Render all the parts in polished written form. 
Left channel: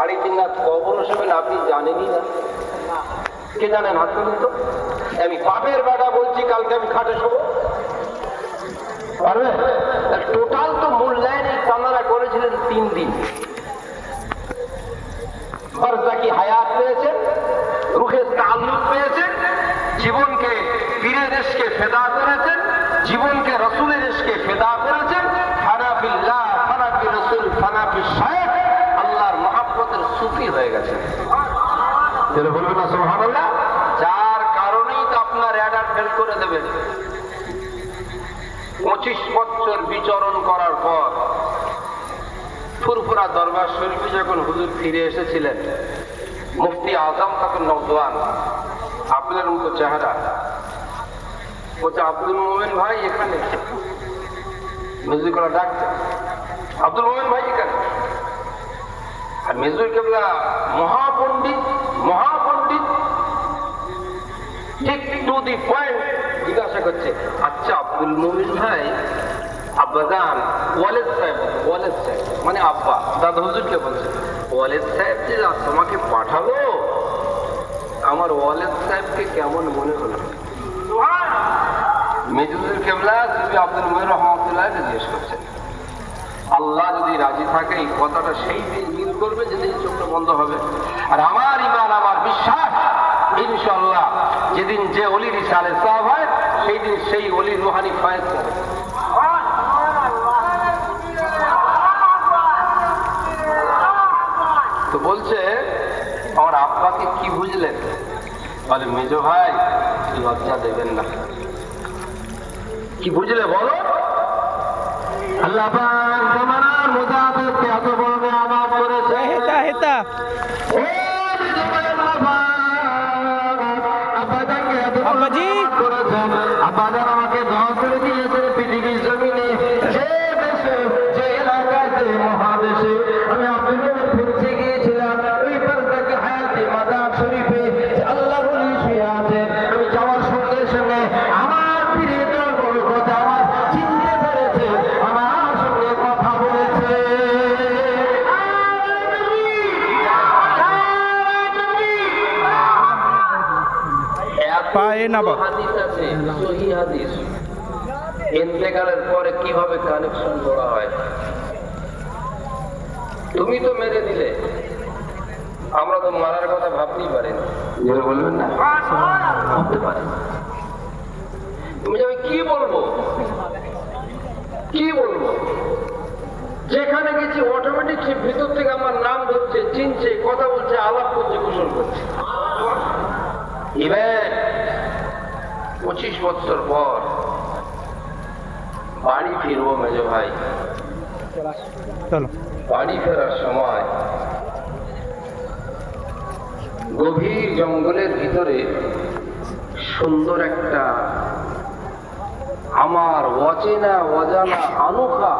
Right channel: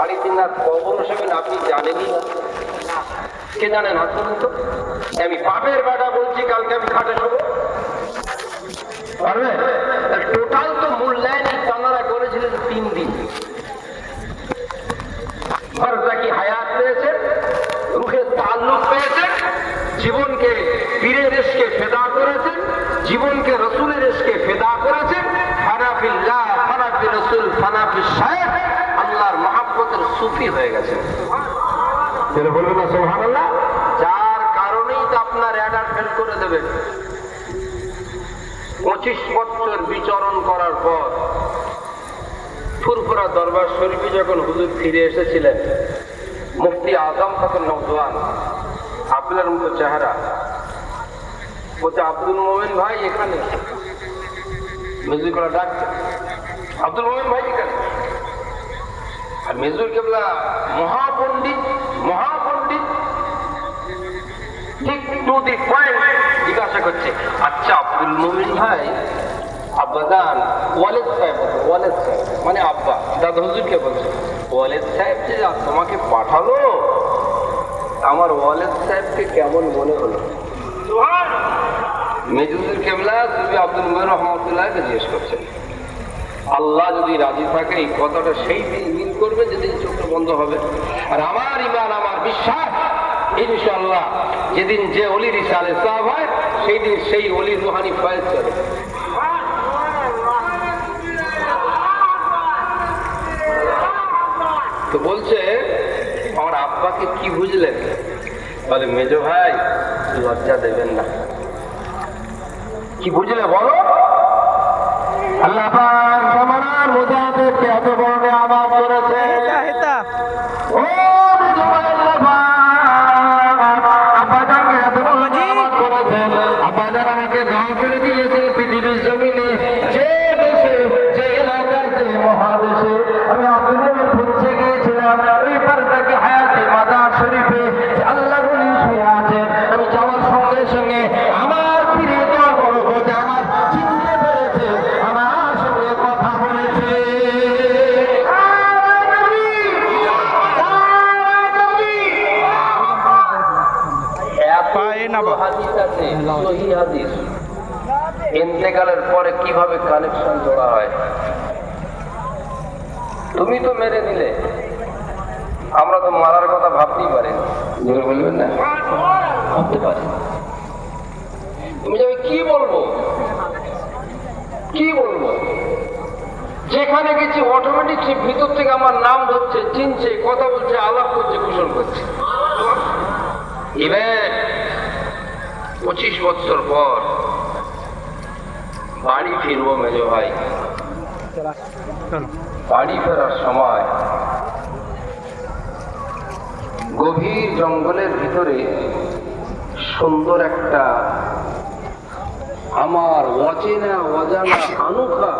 3.5 রাত কখন শোবেন আপনি জানেনই না। কে জানেন হাত তুলুন তো। আমি বাপের বেটা বলছি কালকে আমি খাটে শোবো পারবে? টোটাল তো মূল্যায়ন তাঁরা করেছিলেন 3 দিন। বারজাকি হায়াত পেয়েছেন, রুহের তাল্লুক পেয়েছেন, জীবনকে পীরের ইশকে ফেদা করেছেন, জীবনকে রসুলের ইশকে ফেদা করেছেন। ফানা বিল্লাহ, ফানা বির রাসূল, ফানা বিশ শাইখ, আল্লাহর মহব্বতের সুফি হয়ে গেছে। যেটা বলবেন না সুবহানাল্লাহ। যার কারণেই তো আপনার অ্যাডার ফেল করে দেবেন। 25 বছর বিচরণ করার পর ফুরফুরা দরবার শরীফে যখন হুজুর ফিরে এসেছিলেন, মুফতি আজম তখন নওজোয়ান, আপনার মতো চেহারা। বলছে আব্দুল মোমেন ভাই এখানে। মেজুর করা ডাকছে, আব্দুল মোমেন ভাই এখানে। আর মেজুর কেবলা মহাপণ্ডিত, মহাপণ্ডিত, ঠিক টু দি পয়েন্ট জিজ্ঞাসা করছে, আচ্ছা আব্দুল মোমেন ভাই, আব্বাজান ওয়ালেদ সাহেব, ওয়ালেদ সাহেব মানে আব্বা, দাদা হুজুরকে বলছে, ওয়ালেদ সাহেব যে তোমাকে পাঠালো, আমার ওয়ালেদ সাহেবকে কেমন মনে হলো? মেজুজুল কেবলা তুমি আব্দুল মোমেন রহমতুল্লাহকে জিজ্ঞেস করছেন। আল্লাহ যদি রাজি থাকে এই কথাটা সেই দিন মিল করবে যেদিন চোখটা বন্ধ হবে। আর আমার ইমান, আমার বিশ্বাস, ইনশাআল্লাহ যেদিন যে অলির ইসালে সাহেব হয় সেই দিন সেই অলির রুহানি ফয়েজ হবে। তো বলছে আমার আব্বাকে কি বুঝলেন? বলে মেজো ভাই লজ্জা দেবেন না। কি বুঝলে বলো? আল্লাহ পাক জামানার মুজাহিদকে এত বড় নিয়ামত করেছে। ও মেজো ভাই, আল্লাহ পাক আব্বাজানকে এত বড় নিয়ামত করেছেন। আব্বাজান আমাকে দাও করে দিয়েছে পৃথিবীর জমিনে, যে দেশে, যে এলাকায়, যে মহাদেশে আমি আপনাদের পৌঁছে গিয়েছিলাম। ওই বারজাকি হায়াতে মাজার শরীফে আল্লাহর ওলি শুয়ে আছেন। আমি যাওয়ার সঙ্গে সঙ্গে আমার প্রিয় বলবত আমার চিনতে পেরেছে, আমার সঙ্গে কথা বলেছে। ইন্তেকালের পরে কিভাবে কানেকশন করা হয়? তুমি তো মেরে দিলে, আমরা তো মারার কথা ভাবতেই পারি না। যেটা বলবেন না ভাবতে পারি। তুমি যাবে কি বলবো, কি বলবো? যেখানে গেছি অটোমেটিক সে ভিতর থেকে আমার নাম ধরছে, চিনছে, কথা বলছে, আলাপ করছে, কুশল করছে। এবার 25 বছর পর বাড়ি ফিরবো মেজো ভাই। বাড়ি ফেরার সময় গভীর জঙ্গলের ভিতরে সুন্দর একটা আমার অচেনা অজানা আনোখা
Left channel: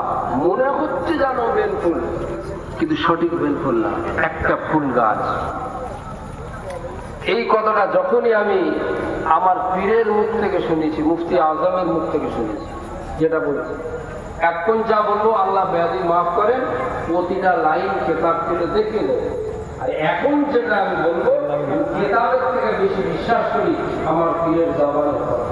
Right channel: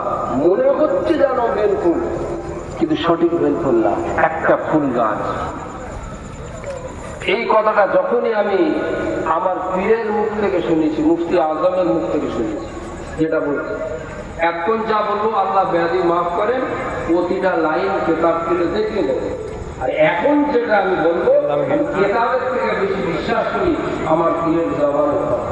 মনে হচ্ছে যেন বেলফুল, কিন্তু সঠিক বেলফুল না, একটা ফুল গাছ। এই কথাটা যখনই আমি আমার পীরের মুখ থেকে শুনেছি, মুফতি আজমের মুখ থেকে শুনেছি, যেটা বলছি এখন যা বলবো আল্লাহ ব্যাধি মাফ করেন, প্রতিটা লাইন কেতাব তুলে দেখে দেবো। আর এখন যেটা আমি বলবো কেতাবের থেকে বেশি বিশ্বাস করি আমার পীরের জবানের কথা।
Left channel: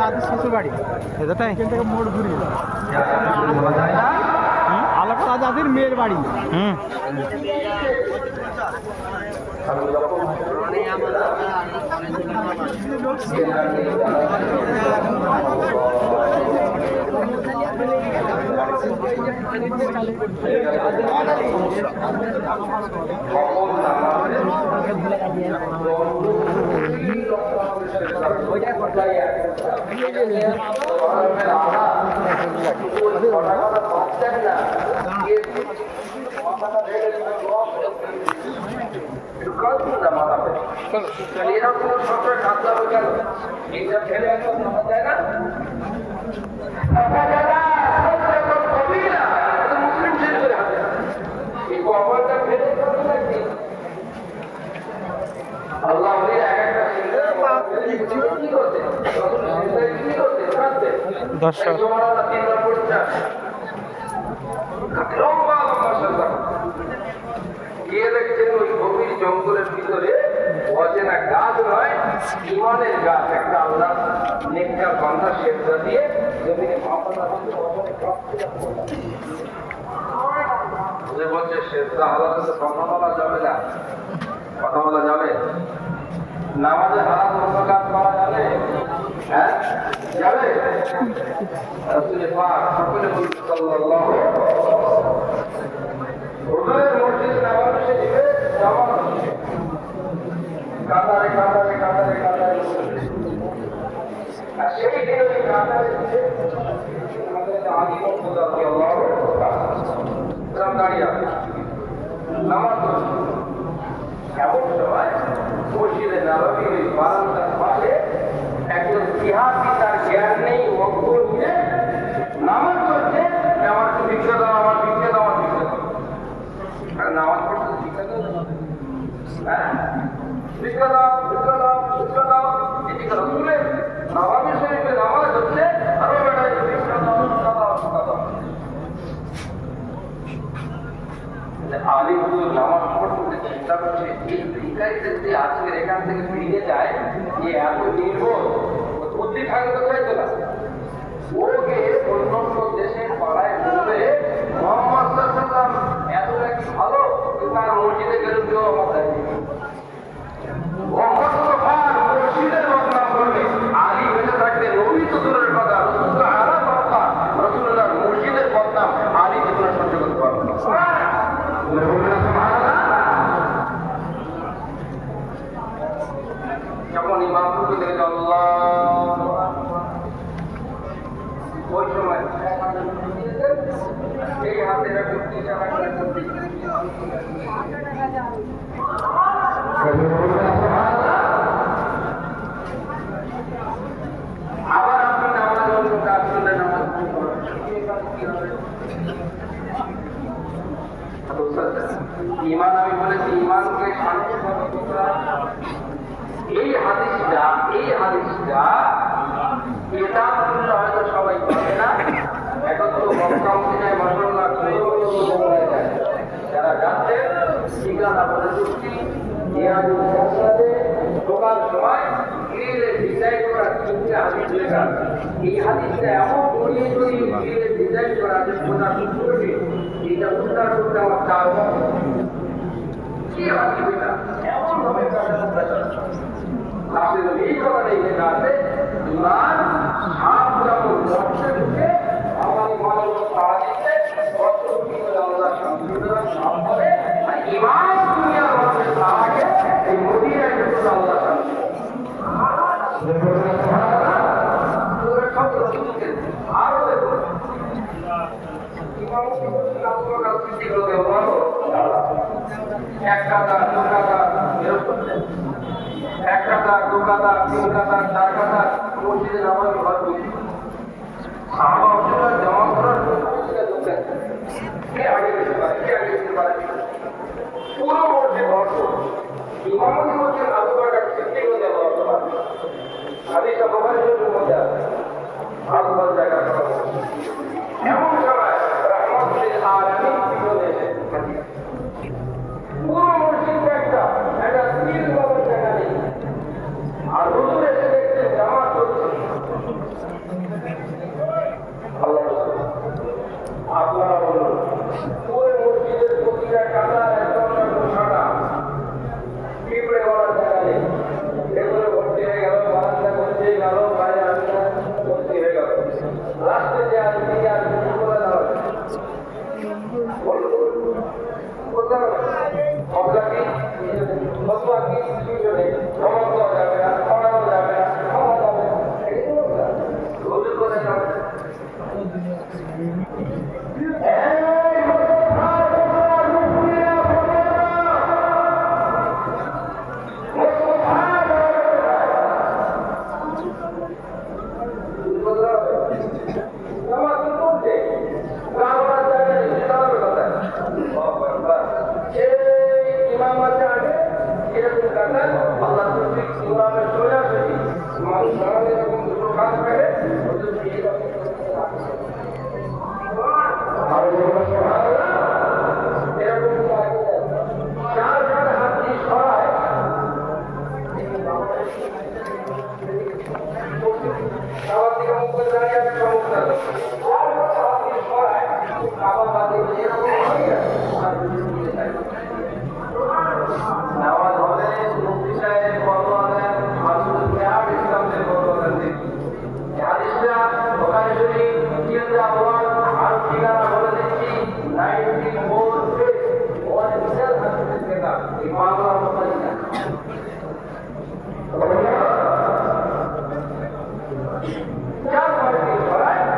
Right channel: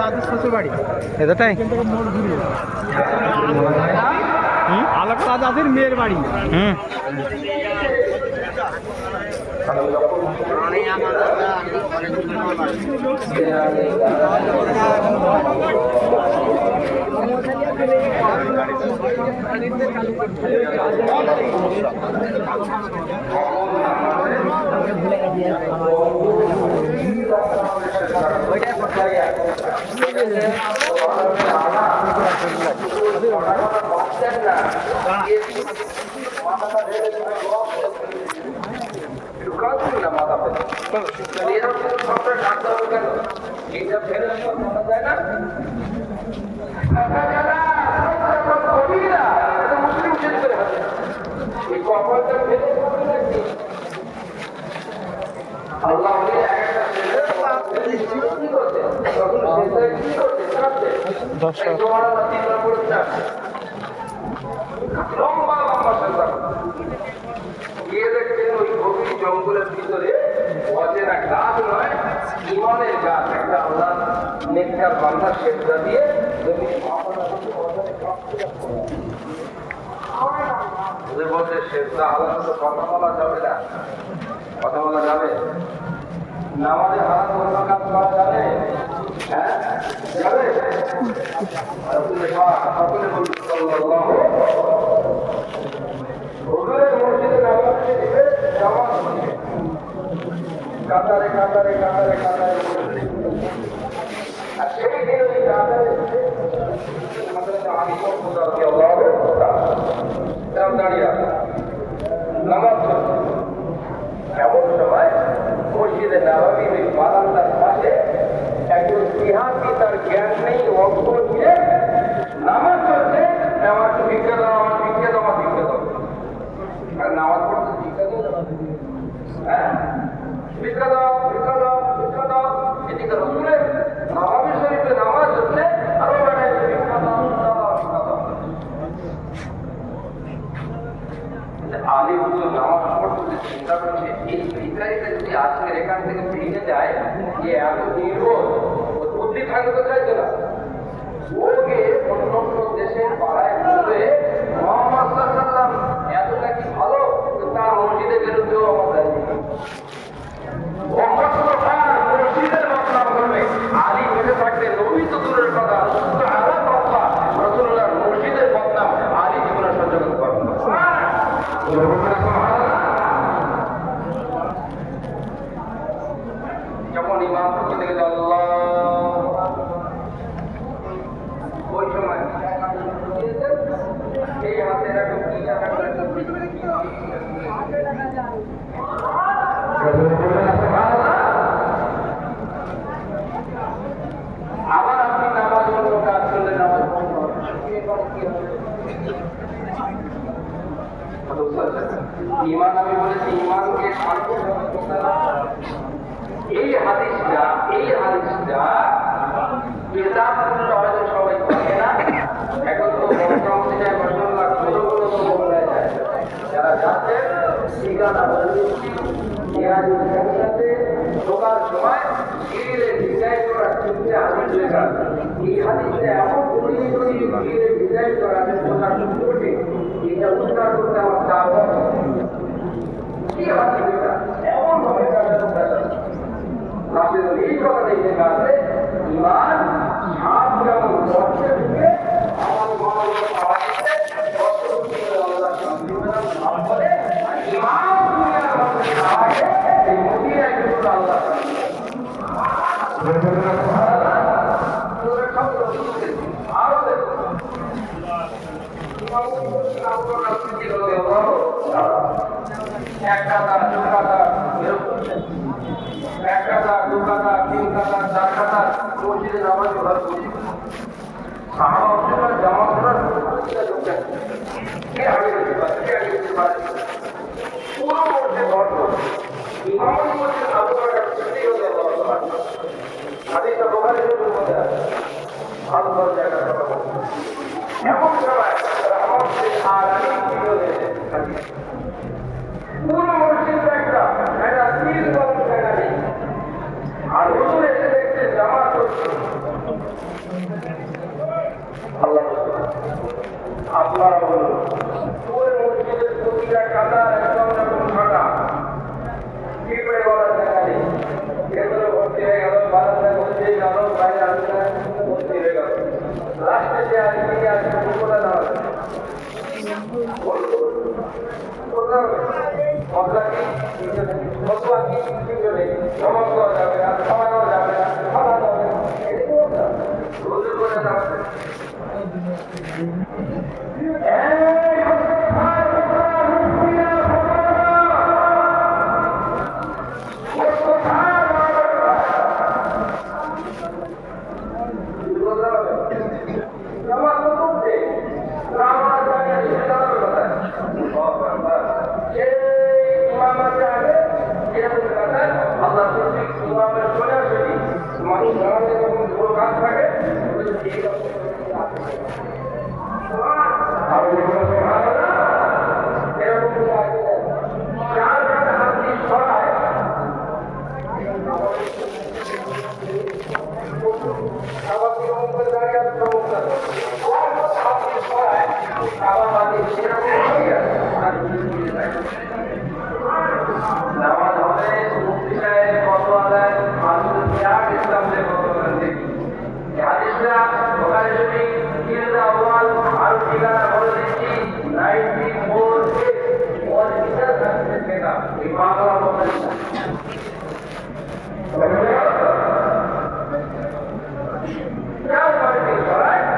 দাদুর শ্বশুর বাড়ি এটাই মোড় ঘুরিয়ে আলাপা দাদির মেয়ের বাড়ি। যায় না দর্শক জমানাটা 3 বার পড়তে আসে লম্বা লম্বা সেজদা গিয়ে দেখছেন ওই গভীর জঙ্গলের ভিতরে অচেনা গাছ নয়, ইমানের গাছ, একটা আল্লাহ নেককার বান্দা সেজদা দিয়ে বলছে সেজদা হালাতে তো কথা বলা যাবে না, কথা বলা যাবে নামাজে হারাম অন্য কাজ করা যাবে, হ্যাঁ যাবে। সকলে বলুন সাল্লাল্লাহু হুজুরের মসজিদে নববী শরীফে জামাত হচ্ছে কাতারে কাতারে কাতারে কাতারে, আর সেই দিন ওই কাতারে দাঁড়িয়ে আছে নামাজ এমন সময় মসজিদে নববী ওই বারান্দার পাশে একজন ইতিহাসী, তার জ্ঞান নেই, অজ্ঞ নিয়ে নামাজ পড়ছে, আমার তো ভিক্ষা দাও, আমার ভিক্ষা দাও, আমার ভিক্ষা দাও। আর নামাজ পড়তে ভিক্ষা দাও, হ্যাঁ ভিক্ষা দাও, ভিক্ষা দাও, ভিক্ষা দাও। এদিকে রসুলের নববী শরীফে নামাজ হচ্ছে, আমি বেড়াই ভিক্ষা দাও, ভিক্ষা দাও, ভিক্ষা দাও। আলী হুজুর নামাজ পড়তে চিন্তা করছে, এই ভিখারিটা যদি আজকের এখান থেকে ফিরে যায়, যে এত নির্ভর বুদ্ধি থাকবে কোথায় তোলা, ওকে অন্য অন্য দেশের পাড়ায় বলবে মোহাম্মদ সাল্লাল্লাহু এতটা কি ভালো, তার মসজিদে গেলে কেউ আমার দেয়নি, ও মসজিদের বদনাম করবে। আলী বেঁচে থাকবে, নবী তো দূরের কথা, রাসূলুল্লাহ মসজিদের বদনাম আলী জীবনে সহ্য করতে পারবে না। যখন ইমাম পক্ষ থেকে আল্লাহ, ওই সময় এই হাতে রাখুন, আবার আপনি নামাজ অন্য কাজ করলে নামাজ কি হবে? ইমান, আমি বলেছি ইমানকে শান্ত, এই হাদিসটা কিতাব পড়লে হয়তো সবাই পাবে না, এখন তো বর্তমানে যায় মশলা যারা যাচ্ছে ঠিকানা ঢোকার সময় ডিজাইন করা হাদিস লেখা, এই হাদিসটা এমন ঘুরিয়ে ঘুরিয়ে ডিজাইন করা আছে, এটা উদ্ধার করতে আমার চার কি হাদিস এটা এমন ভাবে এই কথাটাই লেখা আছে, ইমান সাপ যেমন গর্তে ঢুকে আমার মানুষ পাড়া দিচ্ছে, ইমান দুনিয়ার মধ্যে থাকে, এই মদিনায় ঢুকলো আল্লাহ। আরো দেখুন একটা দোকানা 3 কাটা 4 কাটা মসজিদে নামাজ পড়তে সাহাবারা জামা করার কি আগে যেতে পারে পুরো মসজিদ ভরপুর, ইমামতি মসজিদ আবু বকর সিদ্দিক রাদিয়াল্লাহু আনহু হাদিস বুখারী শরীফের মধ্যে আছে, আবু বকর জায়গা কথা বলছে এমন সময় রহমতুল আলামিন কি বলেছে, পুরো মসজিদ একটা স্থির করার জায়গা নেই, আর হুজুর এসে দেখতে জামাত করছে। আল্লাহ আপনারা বলুন, পুরো মসজিদের প্রতিটা কাটা একদম ফাঁকা, পিঁপড়ে বলার জায়গা নেই, ভেতরে ভর্তি হয়ে গেল, বারান্দা ভর্তি হয়ে গেল, বাইরে রাস্তায় ভর্তি হয়ে গেল, লাস্টে যে আছে দিকে আছে কোথায় দাঁড়াবে, মশলা কি মশলা কি সমাজ করা যাবে না, খাওয়ানো যাবে না, খাওয়া যাবে না, রোজের কথা যাবে আল্লাহ ইমামের সোজা সোজি মানুষ কাজ থাকে আরো বলুন সুবহানাল্লাহ। এরকম চার পাঁচটা হাত দিয়ে সরায় আবার দিকে মুখ করে দাঁড়িয়ে আছে সমস্যা নেই। আর হাত দিয়ে সরায় আবার বাড়ি সেরকম হয়ে গেছে নামাজ হবে মুফতি সাহেব ফতোয়া দেন মানুষের বিরাট ইসলাম থেকে ফতোয়া দেন দেখি হাদিসটা বুখারী শরীফ জিলদ আউয়াল আর ঠিকানা বলে দিচ্ছি 94 और विशेष हादिस का ये बांग्ला बोलते हैं क्या बात है राइट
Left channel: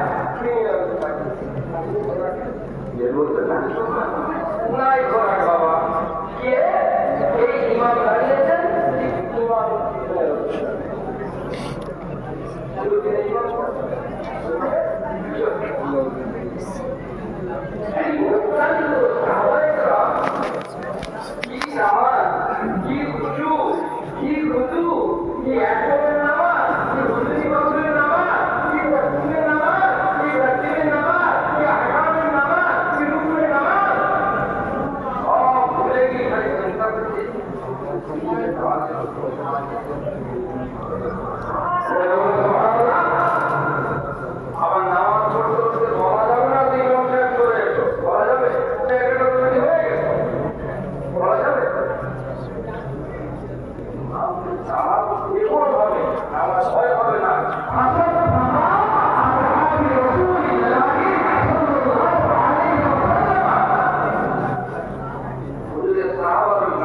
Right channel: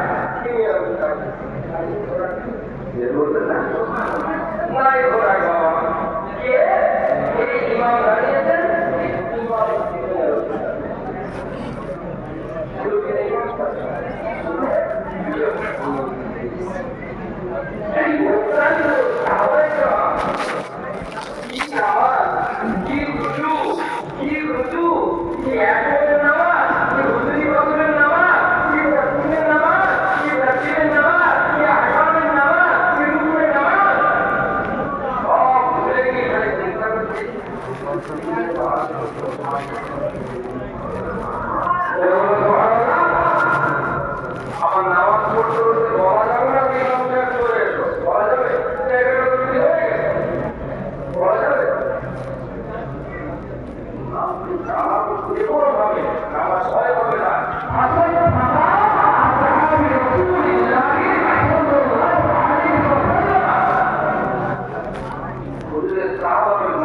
ये बोलते ना नहीं हो रहा है बाबा ये ईमानदारी है सर ईमान शुरू के ईमान আমার নামাজ পড়তে পড়তে বলা যাবে না কি লঙ্কা চলে এসো বলা যাবে হয়ে গেছে বলা যাবে আমার ভয় হবে না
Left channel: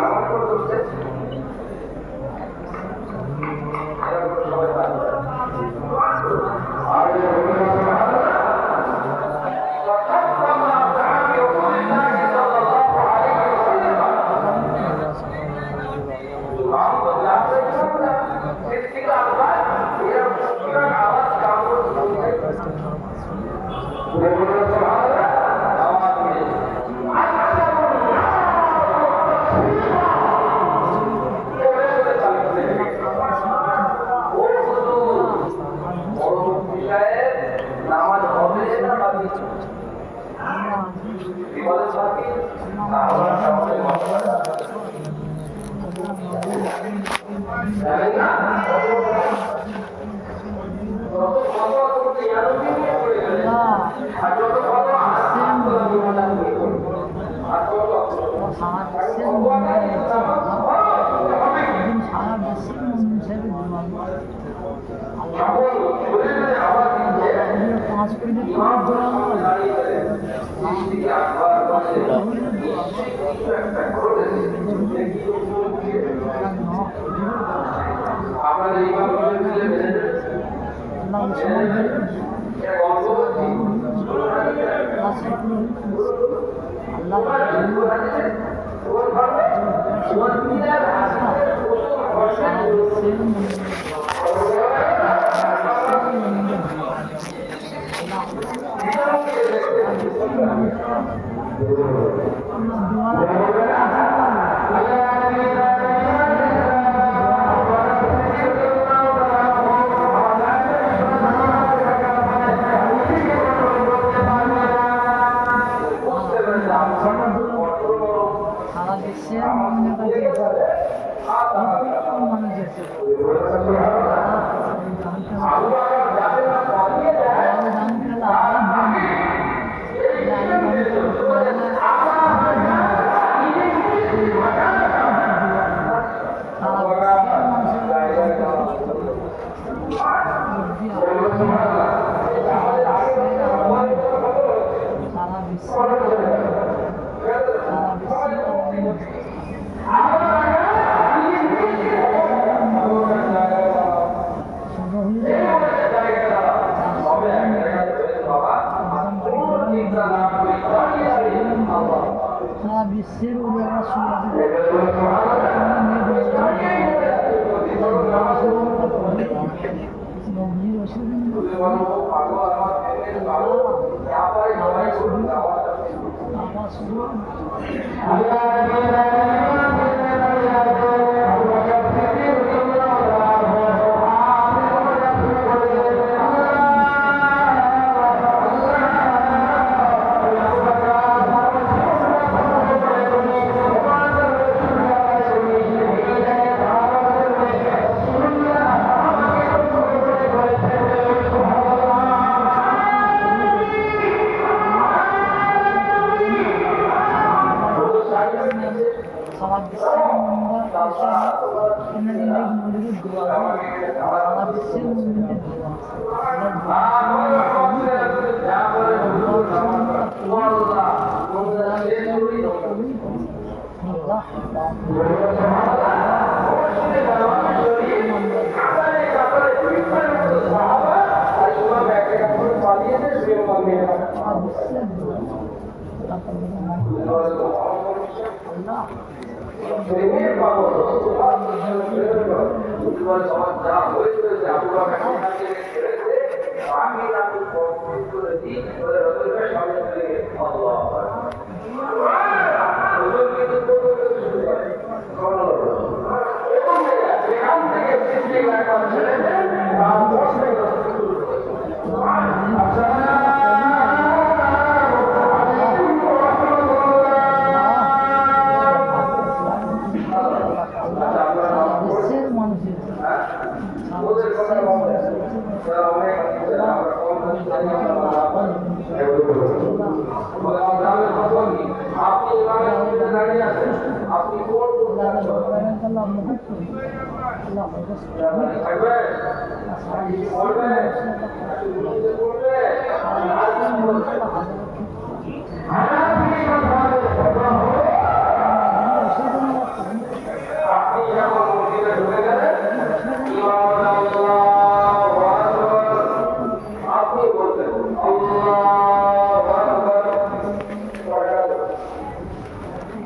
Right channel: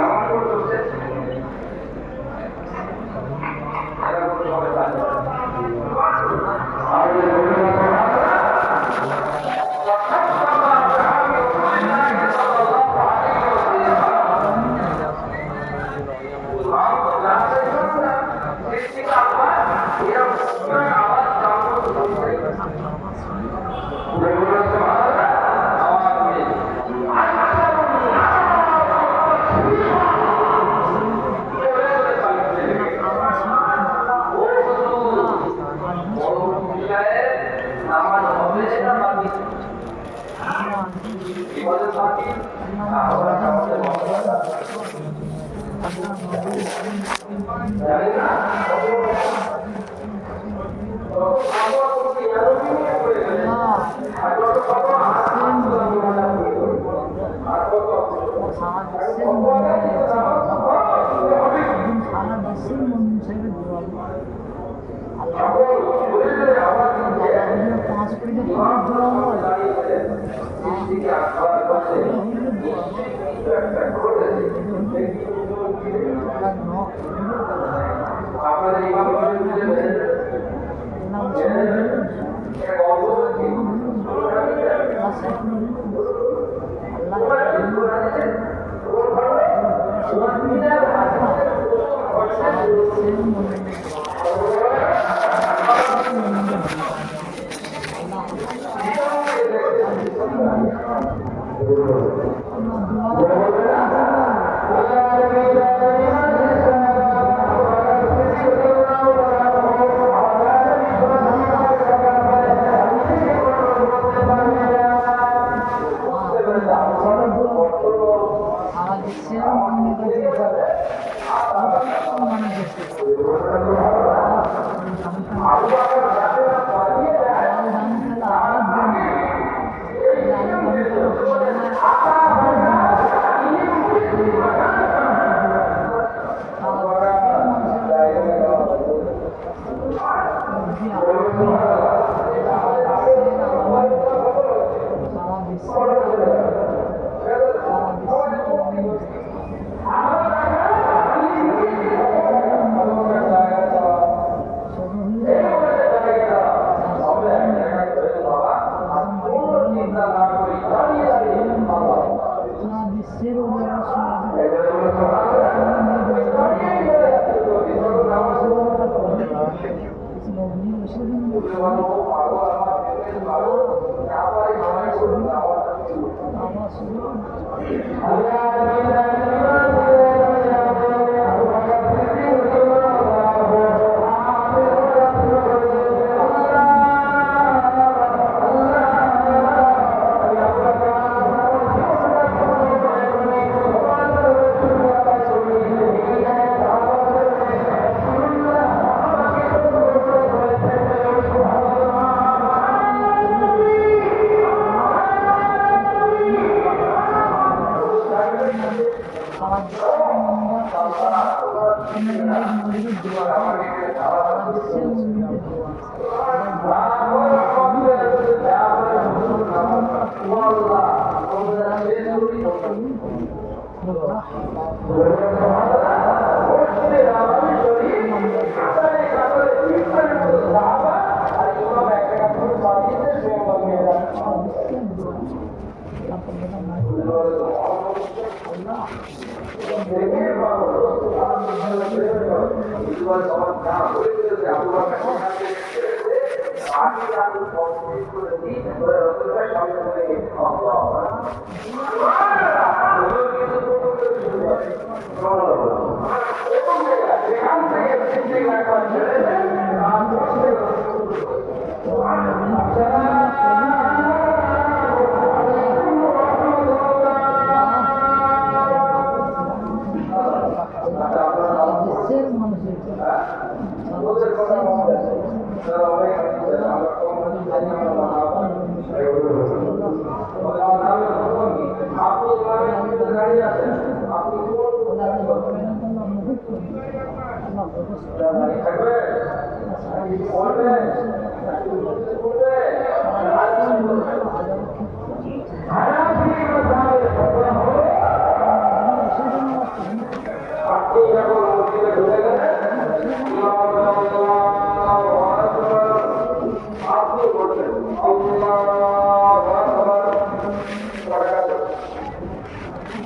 নামাজ পড়তে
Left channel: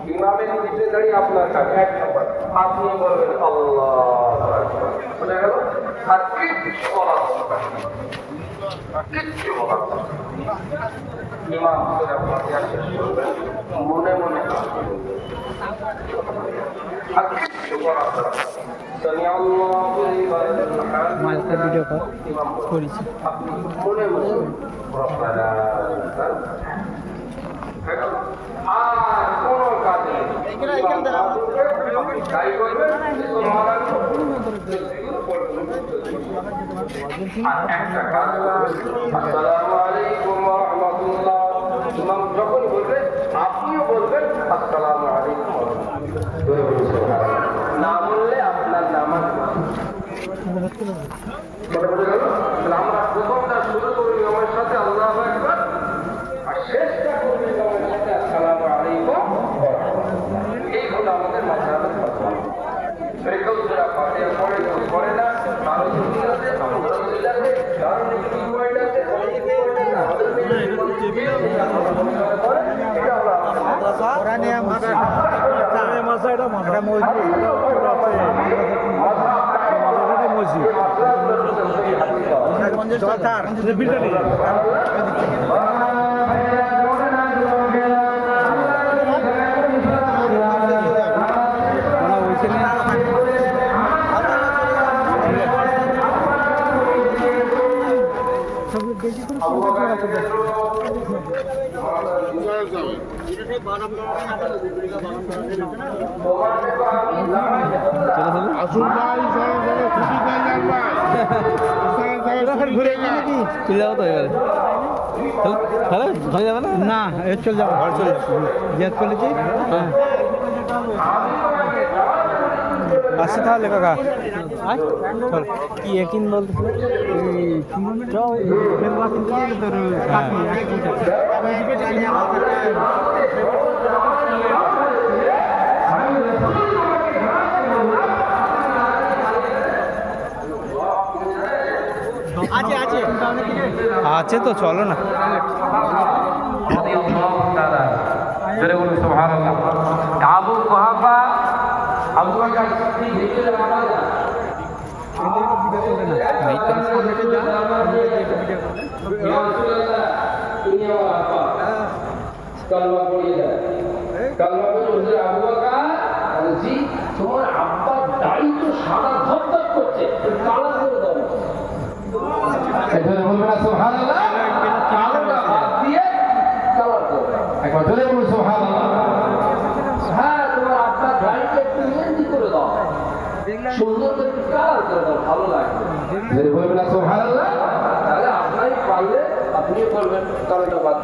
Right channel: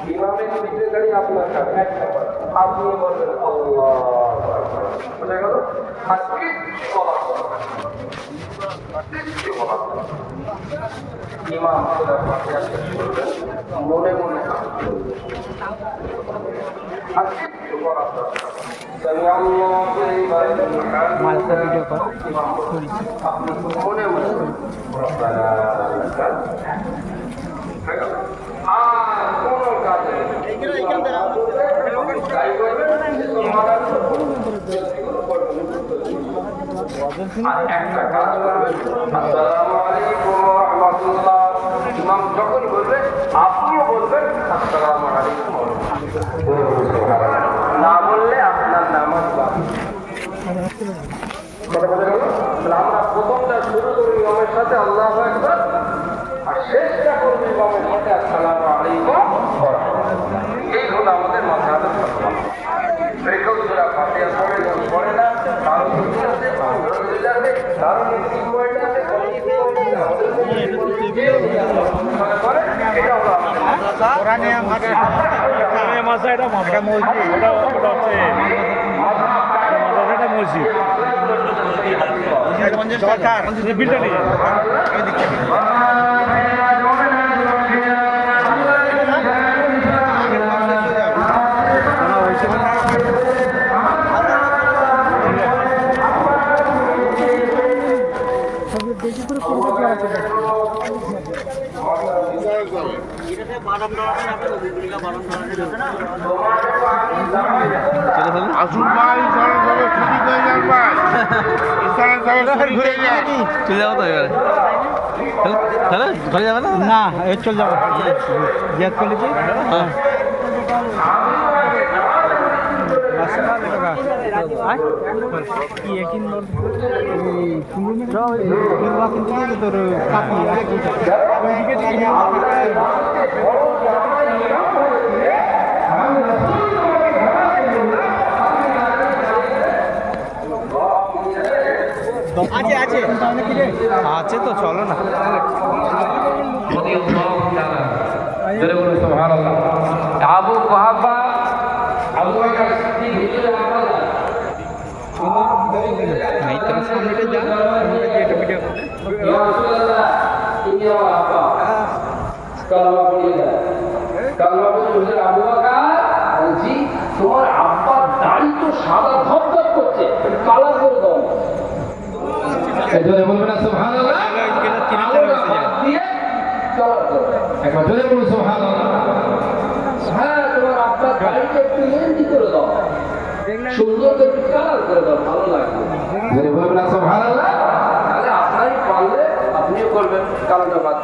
ইমামের পিঠে দাঁড়িয়ে আপনার সাথে আপনি বলবেন আল্লাহ বুঝা গেল? আর কিচ্ছু বলা কিচ্ছু বলা ইমাম করে আপনার সাথে মনে মনে আর কিচ্ছু বলা سمع الله لمن حمده আপনি মনে মনে রব্বানা আর কোন কাজ নেই তাই করবেন আর একটা কাজ করবেন আসসালামু আলাইকুম ওয়া রাহমাতুল্লাহ ইমাম যখন বলবে আপনিও বলবেন আসসালামু আলাইকুম ওয়া রাহমাতুল্লাহ না বললে আপনার নামাজ বাতিল আমরা প্রথমটা শুরু করি আমার সাথে আল্লাহু আকবার আর শেষটা করবি আমার সাথে আসসালামু আলাইকুম এই হলো আমাদের মাঝহাবের ফতোয়া রেখেও যারা ফাতিহা পড়ে কেউ পড়ে না কারো ছুটি আছে কারো রোজা আছে কারো মিটিং পয়েন্ট আছে এটা হলো কোরআনে আমাদের মাসা এটা মসজিদ এটা মসজিদ বিলটা নিয়ে আসুন ভাই সবাই সবাই ছুটি হয়ে যান ভাই সবাই ঘুরে চলে যাবো তো এবারে তাহলে ঘরে যাবে না না এই চল যাবো জিয়াদ কলেজে রাস্তা লেখা কি একিন বলতে আছে তো চলো না সামনেটা যা ভিডিও তোমার আব্বার দাড়ি তো সাদা ধপধপ করছে কালার করে দাও বলবে না সুবহানাল্লাহ দিয়ে কালার করো এখন জোরে বলো সুবহানাল্লাহ হ্যাঁ তোমার আব্বার দাড়িকে একটু মেহেন্দি করে দাও সুন্দর করে কালার করে দাও ভালো লাগবে জোরে বলবে না সুবহানাল্লাহ তাহলে আপনারই পারলে আপনি করবেন কালারটা বাদ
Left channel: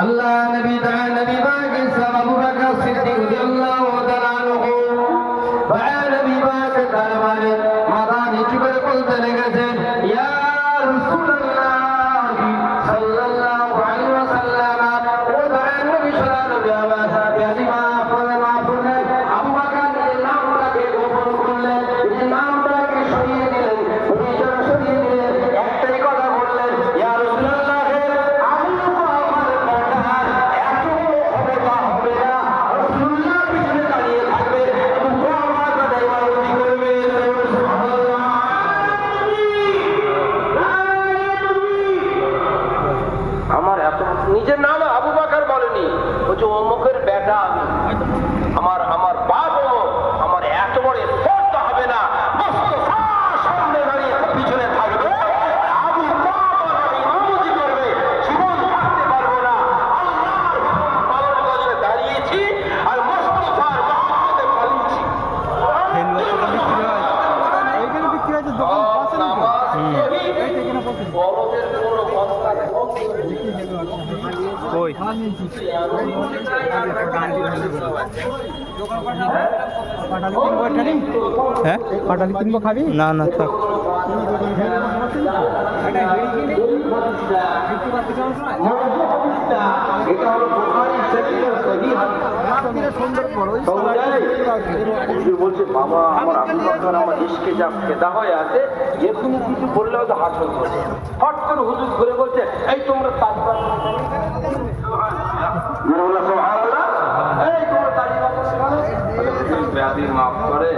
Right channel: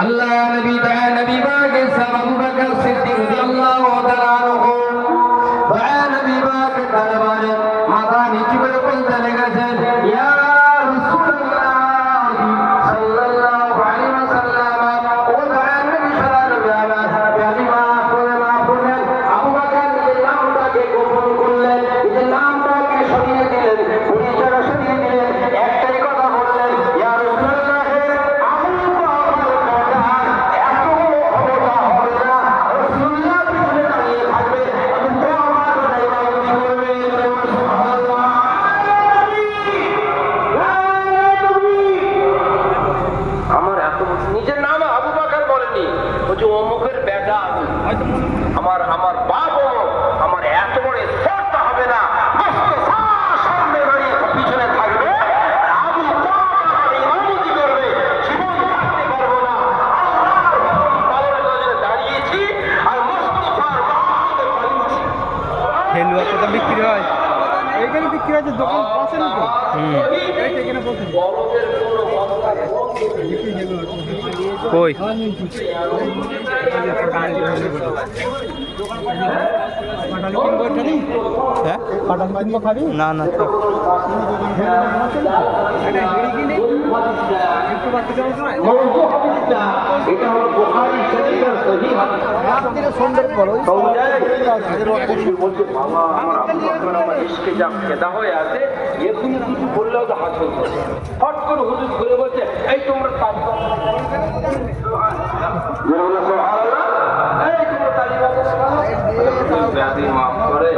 আল্লাহ নবী নবী পাকের সাহাবা আবু বকর সিদ্দিক রাদিয়াল্লাহু তাআলা আনহু নবী নিজের নাম আবু বকর বলেনি, বলছে অমুকের বেটা আমি, আমার বাপ অমুক, আমার এত বড় স্পর্ধা হবে না, মুস্তফার সামনে দাঁড়িয়ে পিছনে থাকবে, আবু বকর ইমামতি করবে, জীবন থাকতে পারবো না। আল্লাহর কাছে দাঁড়িয়েছি আর মুস্তফার মহব্বতে পালিয়েছি। হেলুয়া তো বিক্রি হয়, এইখানে বিক্রি হয়েছে, দোকান বসে না তো। এখানে বসে বড়দের কোনো কথা নেই। কই হ্যাঁ না না থাক। হট করে হুজুর ঘুরে বলছে, এই তোমরা তালিবান, এই তোমরা তালিবান ব্যাধি মাফ করে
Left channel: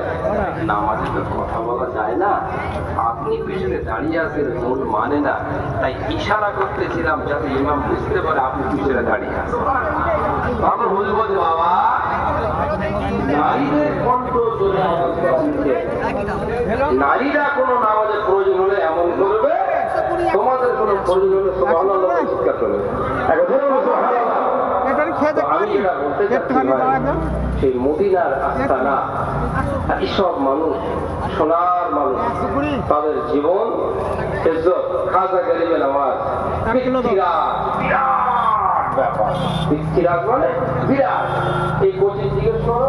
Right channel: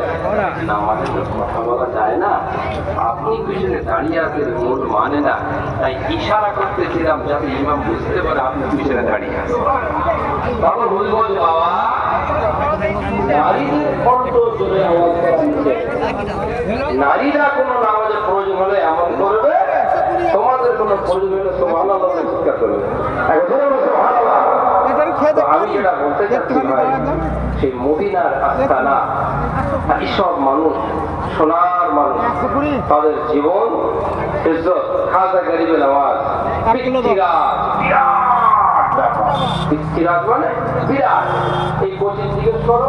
আমাদের তো কথা বলা যায় না, আপনি পিছনে দাঁড়িয়ে আছেন, মূল মানে না, তাই ইশারা করতেছিলাম যাতে ইমাম বুঝতে পারে আপনি পিছনে দাঁড়িয়ে আছেন। তখন হুজুর বলছে, বাবা নারীদের কণ্ঠ শুনে আমার কাছে, নারীরা কোনো নামাজের প্রয়োজন হলে এমন করবে, তোমাদের কোনো প্রয়োজন হলে সুবহানাল্লাহ চিৎকার করবে। তো আমি যেটা বলতে চাচ্ছি ভাই, সেই মদিনার আস্তানা, এইসব মানুষ সোনার মানুষ, তাদের জীবন ইজ্জত, খাজা গরিবে নামাজ, বিরাট মানে বিরাট। এই কোচিং জিজ্ঞেস করো,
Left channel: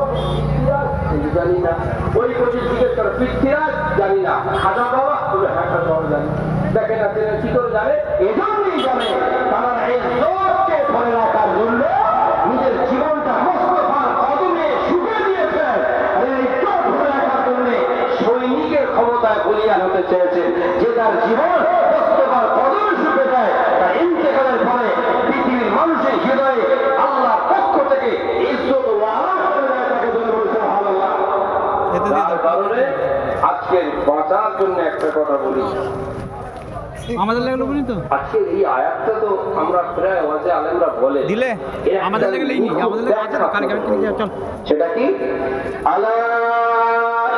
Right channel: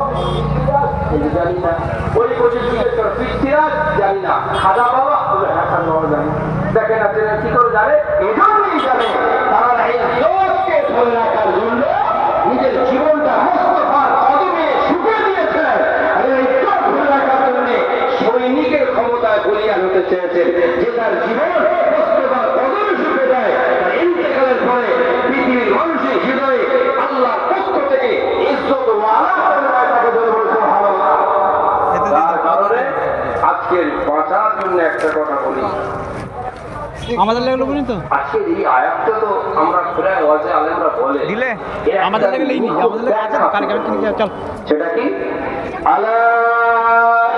জানি না, ওই কোচিং জিজ্ঞেস করো, পৃথ্বীরাজ জানি না, খাজা বাবা বলে হ্যাঁ খাজা বাবা জানি। দেখেন না কি করে জানে, এজন্যই জানে তারা এই জোরকে ধরে রাখার জন্য নিজের জীবনটা মুস্তফার কদমে শুকিয়ে দিয়েছেন। আর এই জোর ধরে রাখার জন্য সৈনিকের ক্ষমতায় বলিয়ান হতে চেয়েছেন, যে তার জীবন মুস্তফার কদমে শুকিয়ে দেয়, তার ইন্তেকালের পরে পৃথিবীর মানুষের হৃদয়ে আল্লাহর পক্ষ থেকে ইজ্জত ওয়ালা করে দেয় তাকে বলে বলতে সুবহানাল্লাহ। তার কারণে আজকের বাঁচার জন্য একটা কথা বলি, আমাদের লেগে বলি তো আজকের এই আয়াতটা তো আমরা প্রায় ওয়াজে আলেমরা বলে দিলে আমাদের লেগে লেইনি, আমাদের লেগে কানে কানে কিনে চল। সেটা কি? আলা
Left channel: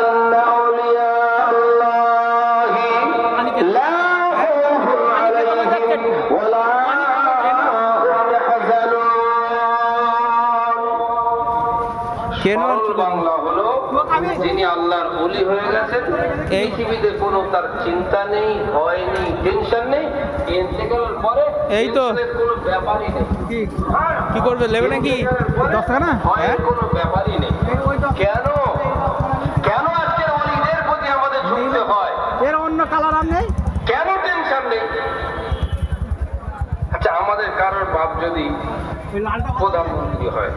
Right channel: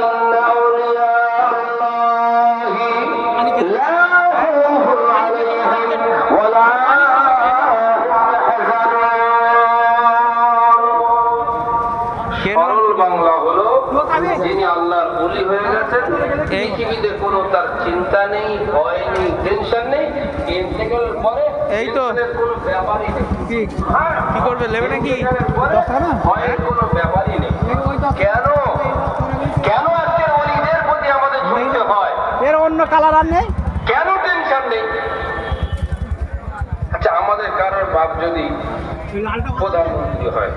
ইন্না আউলিয়া আল্লাহি লা খাউফুন আলাইহিম ওয়া লা হুম ইয়াহজানুন। সরল বাংলা হলো, যিনি আল্লাহর ওলি হয়ে গেছেন, এই পৃথিবীতে কোনো তার চিন্তা নেই, ভয় নেই, টেনশন নেই, ইন্তেকালের পরে এই তো। টেনশনের কোনো ব্যাপারই নেই। কি করবে নেবে নাকি? ভয়ের কোনো ব্যাপারই নেই। কেন কেন আজকের ওলিদের প্রতি আমাদের ঝুঁকতে হয়? এর অন্য কালার আর নেই। কেন টেনশন নেই? আচ্ছা, আমাদের কারোর বাপ যদি প্রধানমন্ত্রী হয়,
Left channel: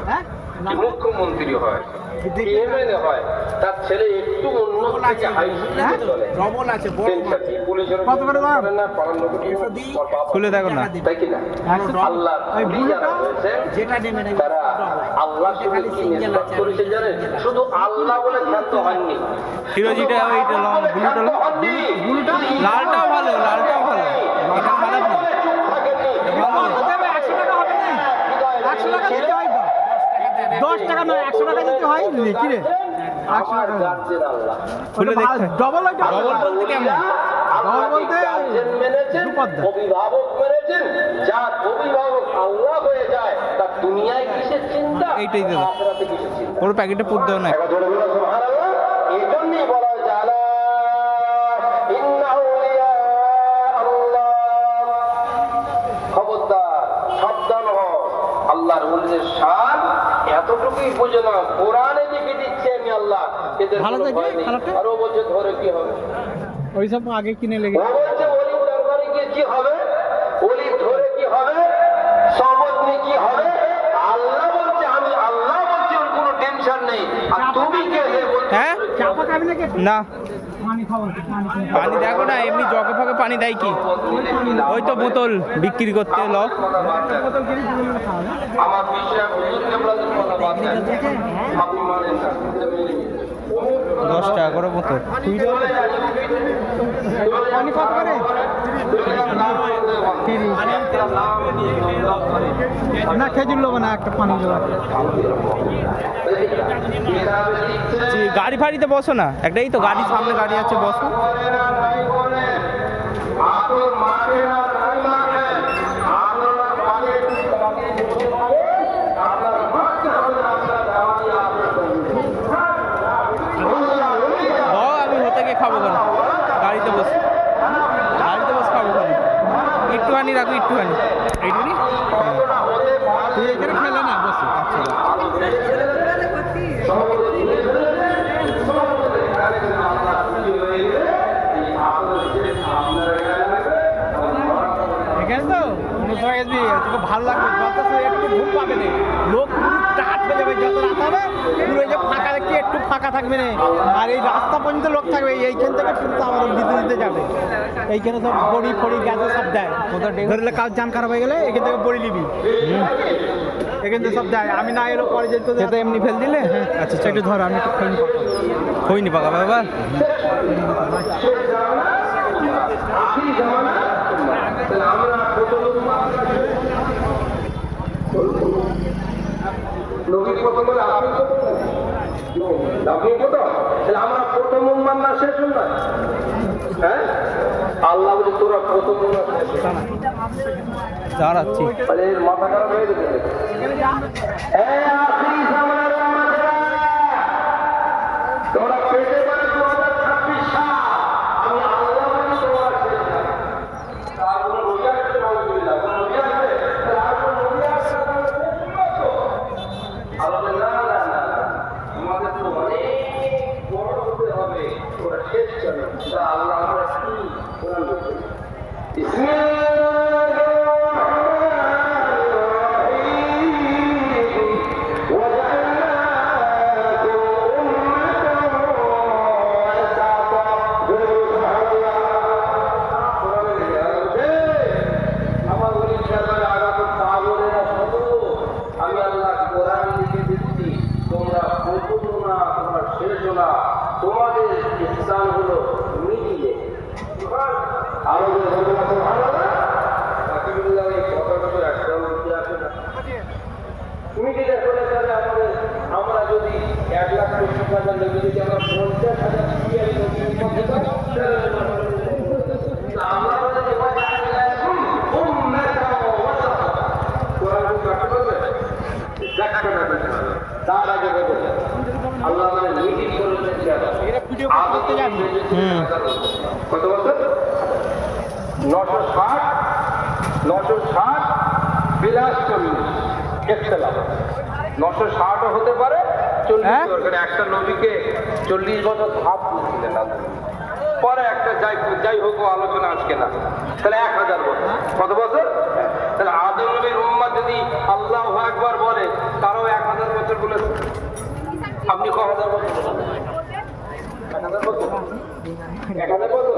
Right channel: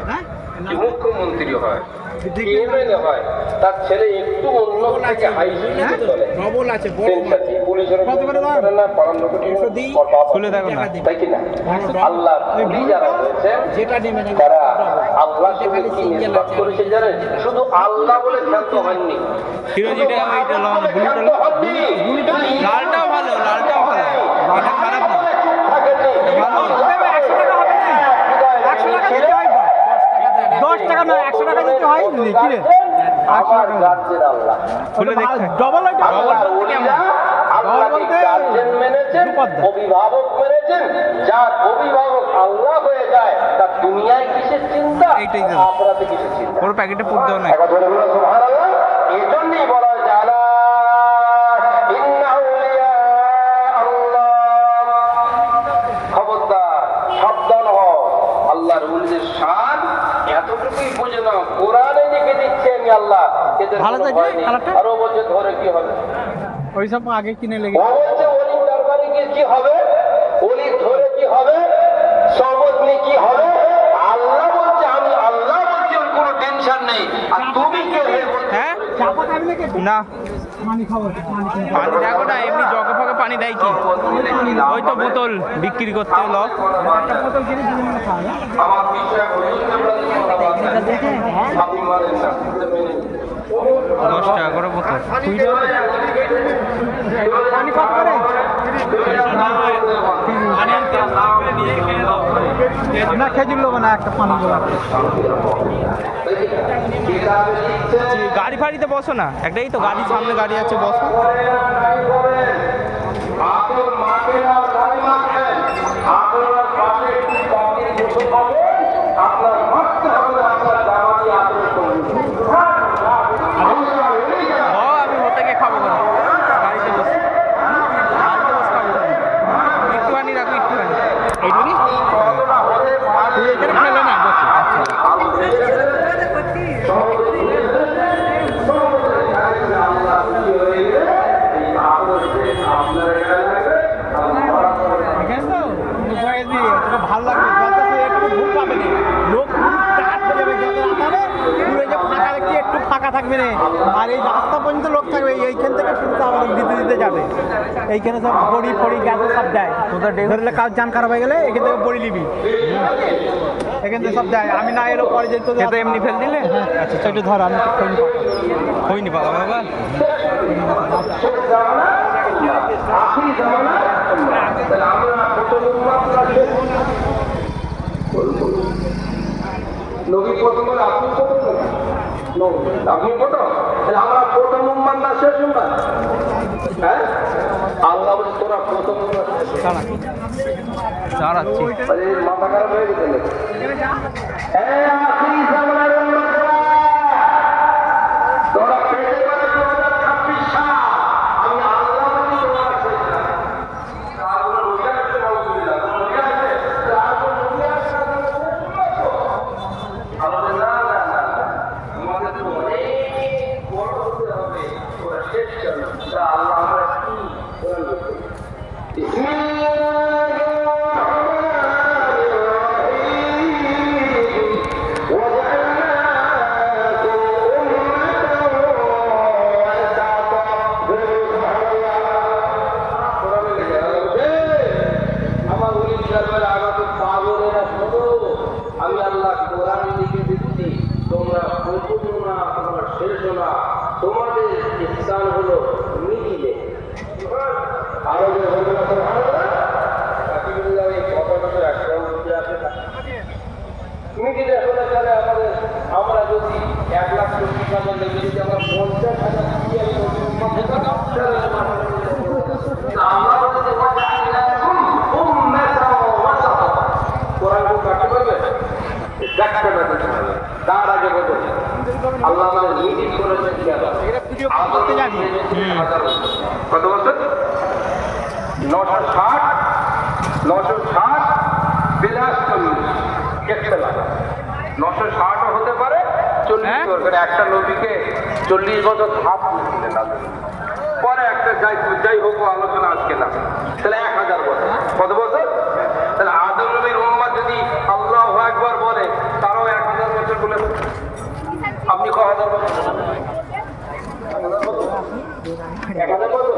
কি মুখ্যমন্ত্রী হয়, কি এমএলএ হয়, তার ছেলে একটু অন্য থেকে হাই স্পিডে চলে, টেনশন নেই। পুলিশের করে না, পাড়ার লোকের খুলে দেখো না। তাই কি না? আল্লাহ ওলি যারা হয়েছে তারা আল্লাহ শুধু কি নিসবত করেছে জানেন? শুধু আল্লাহ বলে ক্ষান্ত হননি, ফিরোজিটা এইটা লাল, ব্লুটা লালটাও ভালো, লালটাও ভালো, এটা খারাপ না। ভালো 10 টাকা না 100 টাকা দিতে হয় কি রে? আমার গার্জেন আল্লাহ, খুলে দেখতে ডবল আল্লাহর ওলিরা আল্লাহকে গার্জেন মেনেছেন, অভিভাবক মেনেছেন। যার অভিভাবক আল্লাহ হয়ে যায়, তার দুনিয়ায় কিসের চিন্তা, এইটাই তো। আখিরাতে কিসের চিন্তা? ওর প্যাকেটে পুর দাও না। একবার জোরে বলো সুবহানাল্লাহ। এজন্যই বলা হয়েছে আলা ইন্না আউলিয়া আল্লাহ, খবরদার সাবধান হও। আল্লাহর ওলিদের শান এতটুকুই বুঝে নাও, কোরআনে লিখে দিচ্ছে আমি আল্লাহ, এদের ভালো কোনো থাকবে, ভয় নেই। কালারটা? আরো বলছে ধরে কি হবে, ওই সব আগে কিনে লেগে ও বলছে অলির দরবারে গিয়ে কি হবে, অলির ধরে কি হবে, সহবত নিয়ে কি হবে। আল্লাহ বলছে, আমি আল্লাহ বলছি, ওর কোনো টেনশন নেই। আর তুমি কে হে বলতে? হ্যাঁ না পানি দেখো না, এমনি জগে ফগে পানি দেয় কি? ওই তো বোতল বিক্রি করতে হলো। আমার বিশ্বাস হুজুরকে আপনাদের কথা বাদ দেন, আপনি মানেন না, 10 টাকা করে বোতল। পানি কত করে? না খেজুর লোক না একটা পানি গাড়ি ফাড়িতে বসো না একটাই তো গাড়ির সামনে গাড়ি আছে বসো আমি হতে গিয়ে খাবো কেন গাড়িতে বসে খাবো কেন একটুখানি রাখো একটুখানি এইটুকুনি তুই এখানে খেলে না বসে আচ্ছা এখানে তো তোকে ভালো লাগবে যত একটু ঘুম পাবে না লোক পুরো টাট হয়ে যাবে যত রাত হবে পুরো এই যে ফাঁকা দেখি একটু ফাঁকা থাকবে না আর এই রাস্তা পর্যন্ত লোক থাকবে এইখান থেকে পুরো আবার দিতে দিতে যাবে এইখানে সব বড়ি ফড়ি গ্যাস সব দেয় তোদের ধরলে কাজ জান খারাপ হয়ে গেলে এখান থেকে বড়ি নিবি এখান থেকে সব দেয় আমি না এলো পরে যেত তো এমনি ফেল দিলে হ্যাঁ আচ্ছা সেটা ধর আমি তো হইনি পালা বাবা আপনি কত আমরা প্রথম উম্মান না শেষ উম্মান হ্যাঁ আল্লাহ বলে তোরা প্রথম দাঁড়াচ্ছি মাথা খারাপ হয়ে গেছে তোরা পেতে পারে 2026 সাল আমি আল্লাহ বলি তোমার আল্লাহ আমরা আমি আল্লাহ কোরআন লিখে দিচ্ছি তোমরা প্রথম না তোমরা শেষ না তোমাদের স্থান হলো মিডিলে আরো মিডিলে হলে তাহলে আমরা যদি 1,20,000 লেগে যদি আমরা 50,000 আমরা বলে যে তার আগে বলবো আল্লাহ আমাদের মিডিল করেছেন কত বছর 960 960 হতে পারে 40 বছর একটা নবীকে 40 বছর ধাপ দিয়েছিলেন পরে একটা যাই হোক আলোচনা আজকে না তাহলে 1000 বছর কত বছর তাহলে আদম নবীর উম্মাহ যদি আল্লাহু আকবার বলে তারও 1000 বছর বলে আপনি ক হাজার বছর 1000 বছর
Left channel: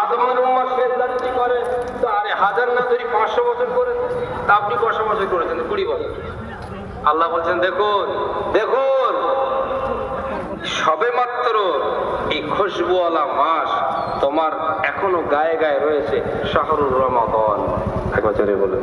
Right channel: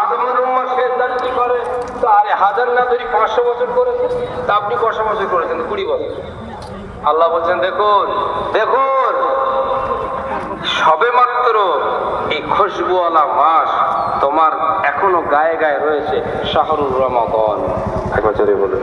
আদমের উম্মাহ শেষ জানি কি করে তো আরে 1000 না ধরি 500 বছর করেছে তা আপনি কত বছর করেছেন 20 বছর আল্লাহ বলছেন দেখুন সবে মাত্র এই খুশবুওয়ালা মাস তোমার এখনো গায়ে গায়ে রয়েছে শাহরুর রমাদান এক বছরে বলুন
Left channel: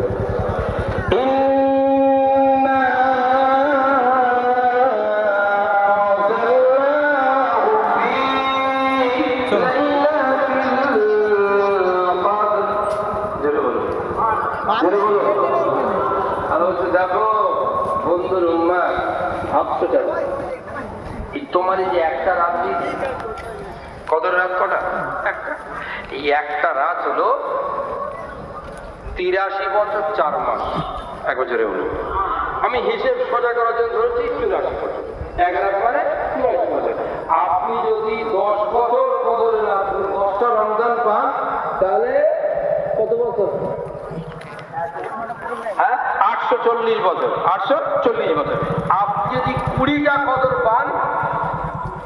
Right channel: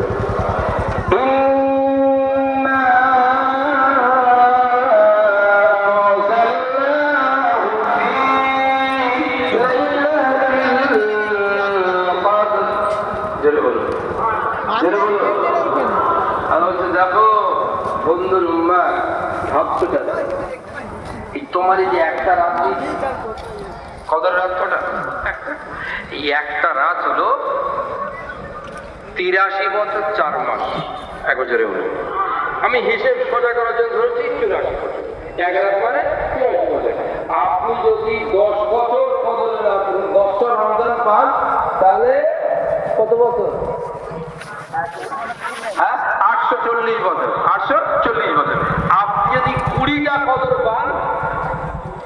দেখো বন্ধুর উম্মাহ ভাবছো তোমার এই যে একটা রাত কদর রাত কটা এই একটা রাত হলো 83 বছর 4 মাস এক বছরে হলো আমি হিসেব সোজা করার জন্য ধরেছি 84 বছর এক রাত মানে 84 বছর আপনি যদি 10 বছর কদরের রাত 10টা রমজান পান তাহলে কত বছর হ্যাঁ 840 বছর 840 বছর আপনি যদি 20টা কদর পান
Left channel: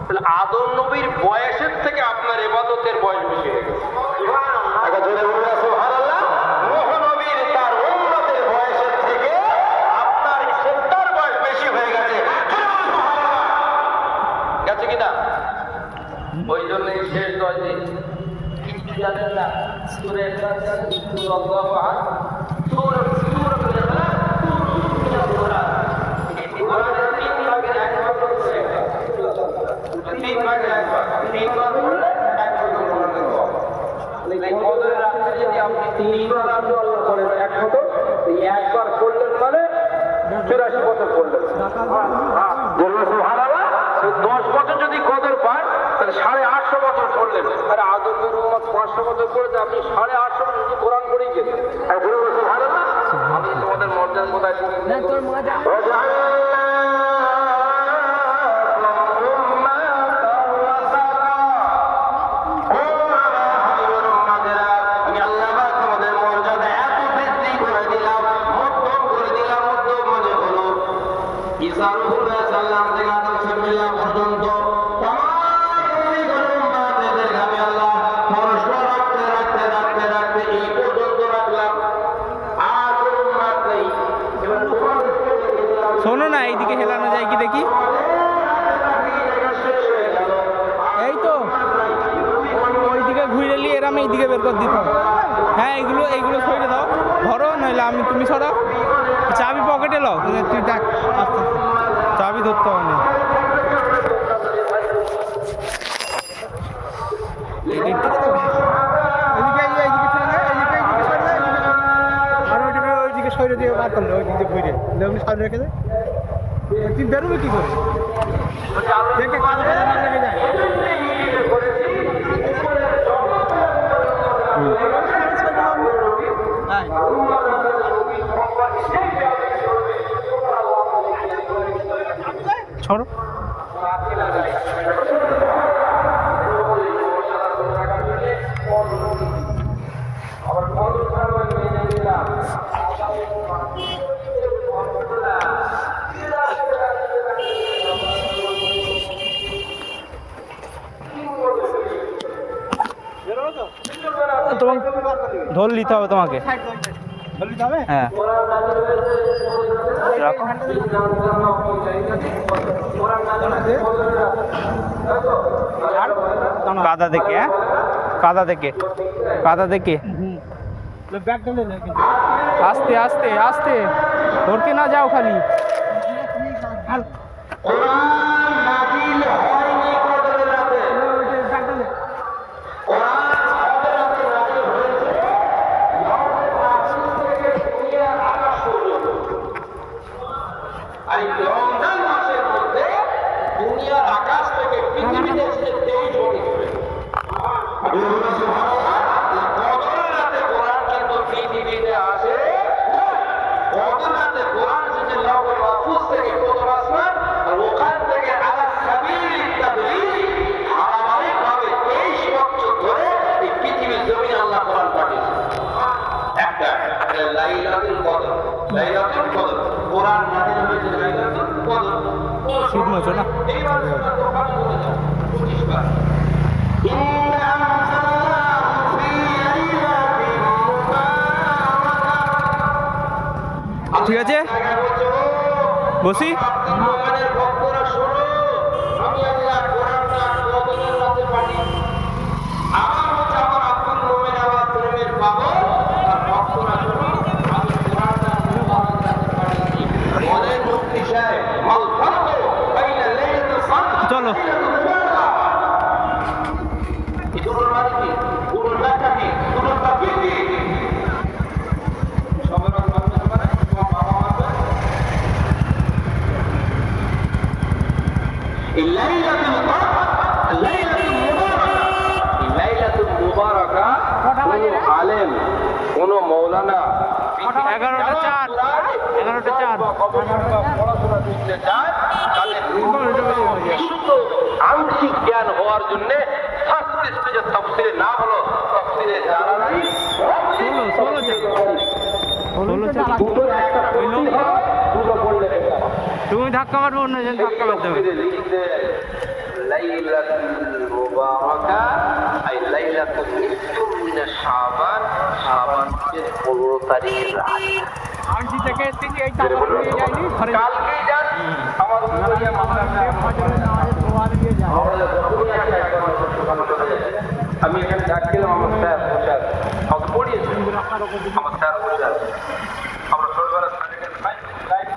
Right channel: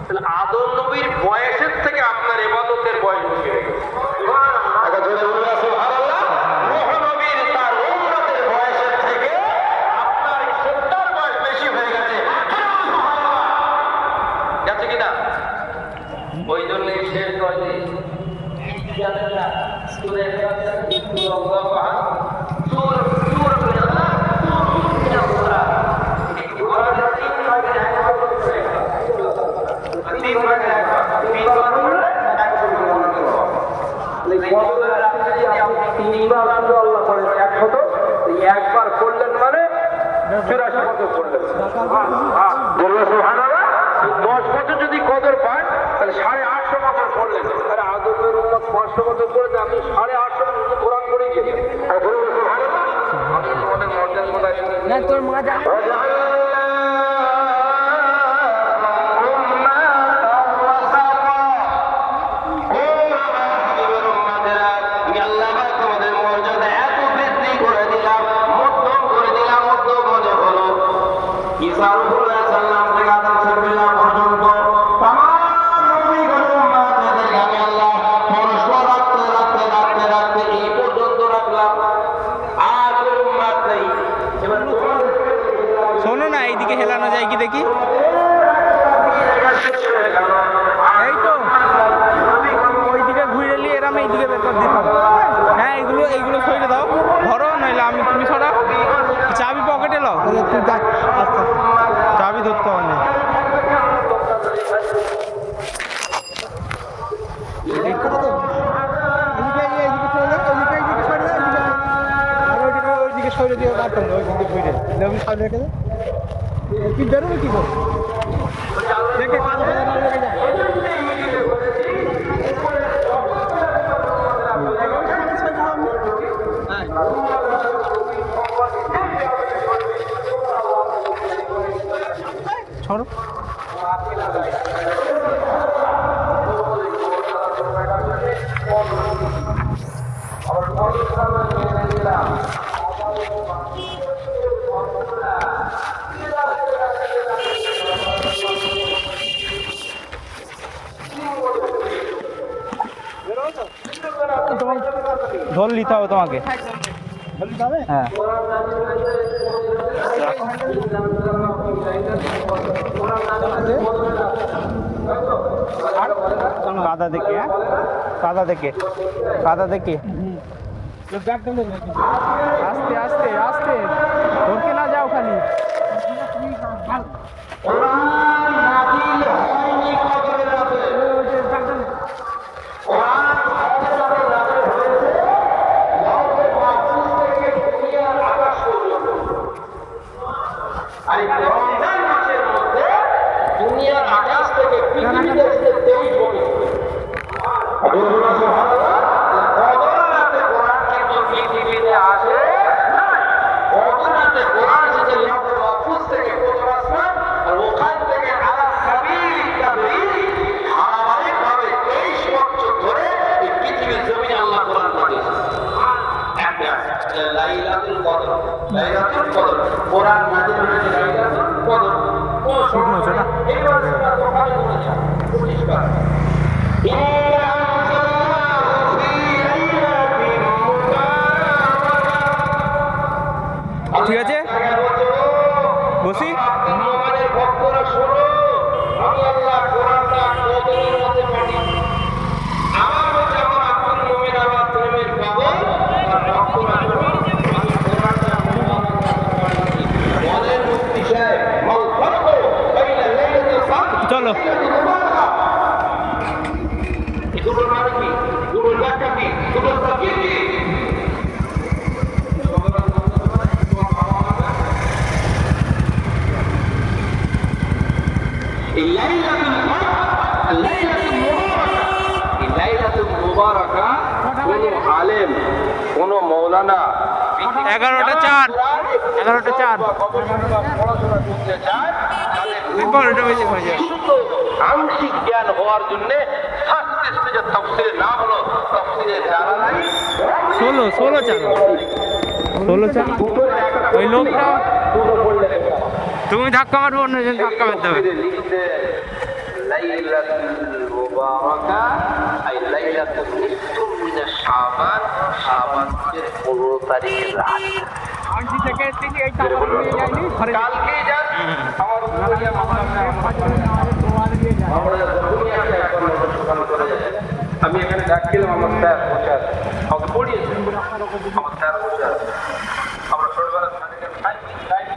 তাহলে আদম নবীর বয়সের থেকে আপনার ইবাদতের বয়স বেশি হয়ে গেছে সুবহানাল্লাহ নূহ নবীর তার উম্মতের বয়সের থেকে আপনার ইসলামের বয়স বেশি হয়ে গেছে গেছে কিনা ওই জন্যই শেষ হয়েছে জানেন না সূরা ইখলাস সূরা আল্লাহ সূরা ইখলাস 83 বছর করলেন। বললো সুবহানাল্লাহ, 10 বছর যদি কদর পান তাহলে 850 বছর করলেন। আরে আদমের উম্মত 500 বছর করেছে, আপনি 850 বছর শুধু কোরআন করেই গেলেন। আর বললো সুবহানাল্লাহ, আমি তোমাদের মর্যাদা কোথায় না তোর মা যা শোনো না, এইদিকে হেলানো যায় কি দেখি। এই তো ওইদিকে ঘুরে নিয়ে এরাম এইদিকে বের করে দিতে হবে। হ্যাঁ এইগুলো সইরে দাও, ধরো নইলে তুমি সরা। চাবি পকেটে লাও, তুই দেখ চাবি ধরতে হবে না। সরে দিয়ে ঘুরে সরে রেখে দে। তুই বেরোবি কি করে? দেখে কাদা কাদা না লেগে যায়। छोड़ो ঢোল নিতে হবে তোমাকে। হ্যাঁ কাদা দেখে, হ্যাঁ কাদা দেখে, কাদা দেখে আস্তে আস্তে আস্তে ধরতে না যাও খালি। ঠিক আছে বসি। চলো কোন মৌলানা 11টা 4 পড়াশোনা করতে চায় আংশিক জ্ঞান হওয়ার জন্য তফসিরে না হলো তফসিরে জানা নাই। 16 ওই লোকটা তুমি ধাক্কা মারবো, অন্যজন ধাক্কা মারতে হবে। লিখতে লাইলাতুল মুবারাকা আই লাইলাতুল নিসফু মিন শাবান, শাবানের 15 তারিখের রাত। আনছি থেকে এই টাকা নিয়ে যাইনি ঘরে কালকেই যান আমার দুনিয়া মাদ্রাসা আমি এখানে যাচ্ছিলাম, আমার স্যার সব পড়িয়েছেন, আমার স্যার বলছে আমরা ছোটবেলা সার্টিফিকেট